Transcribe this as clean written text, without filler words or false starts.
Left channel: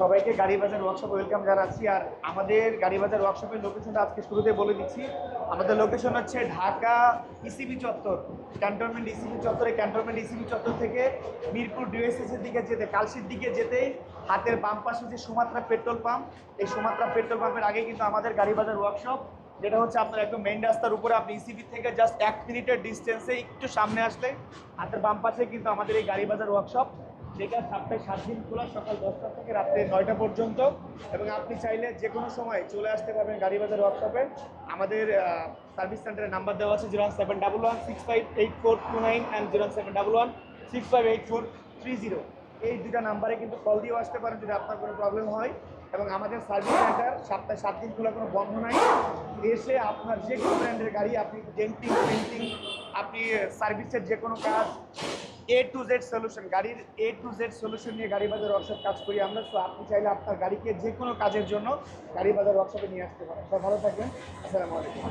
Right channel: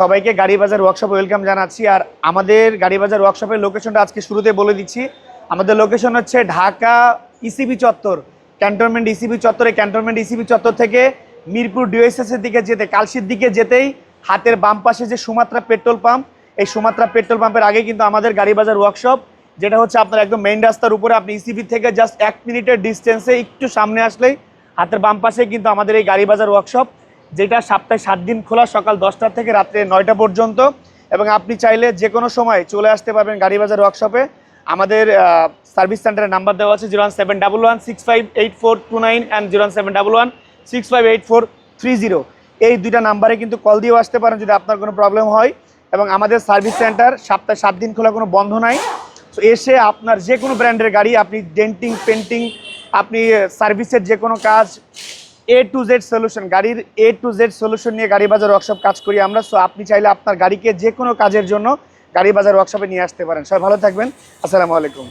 সবাইকে গাড়ি বাজার ওয়ার্কশপে ওয়েলকাম জানাচ্ছি। আর আমাদের গাড়ি বাজার ওয়ার্কশপের লোকেশনটা আজকে শুরুতে বলে দিচ্ছি। আমাদের লোকেশন হচ্ছে ঢাকা ইসিবি চত্বর, ক্যান্টনমেন্ট ইসিবি চত্বরে। ক্যান্টনমেন্ট ইসিবি চত্বর থেকে মিরপুর ডিওএসএস এর দিকে যেতে, কালশির দিকে যেতেই হাতের বাম পাশে যে সুমাত্রা পেট্রোল পাম্প, এই সুমাত্রা পেট্রোল পাম্পের আগে কিন্তু আমাদের গাড়ি বাজার ওয়ার্কশপ, যেটা হচ্ছে আপনার একদম মেইন রাস্তার উপরে। আপনি ইসিবি থেকে জাস্ট 1 মিনিটের ডিস্টেন্সে একটু সামনে আসলেই হাতের বাম পাশে কিন্তু আমাদের এই গাড়ি বাজার ওয়ার্কশপ, যেটা সপ্তাহে 7 দিন খোলা, সকাল 10টা থেকে রাত্রে 9টা পর্যন্ত। এবং আপনি চাইলে যে কোনো সময় চলে আসতে পারবেন গাড়ি বাজার ওয়ার্কশপে। আমাদের সার্ভিস সেন্টারের নাম্বার দেওয়া আছে 01711658429 অ্যান্ড 01711658430। এই দুইটা নাম্বারে কিন্তু কল দিয়েও আসতে পারেন যদি আপনার কোনো প্রবলেম হয়। এবং আমাদের সার্ভিস সেন্টার সপ্তাহে 7 দিন খোলা, কোনো বন্ধ নাই। তো এসে আপনার যে কোনো ব্র্যান্ডের গাড়ি, আপনি ডেন্টিং, পেন্টিং, আপনি সার্ভিসের যে কোনো কাজ, A to Z সলিউশন, গাড়ির A to Z সলিউশন নিয়ে গাড়ি বাজার ওয়ার্কশপ কাজ করি আমরা। সো আপনি চাইলে আপনার গাড়িকে যে কোনো কাজের জন্য গাড়ি বাজার ওয়ার্কশপে নিয়ে আসতে পারেন। সবাই ভালো থাকবেন। আসসালামু আলাইকুম।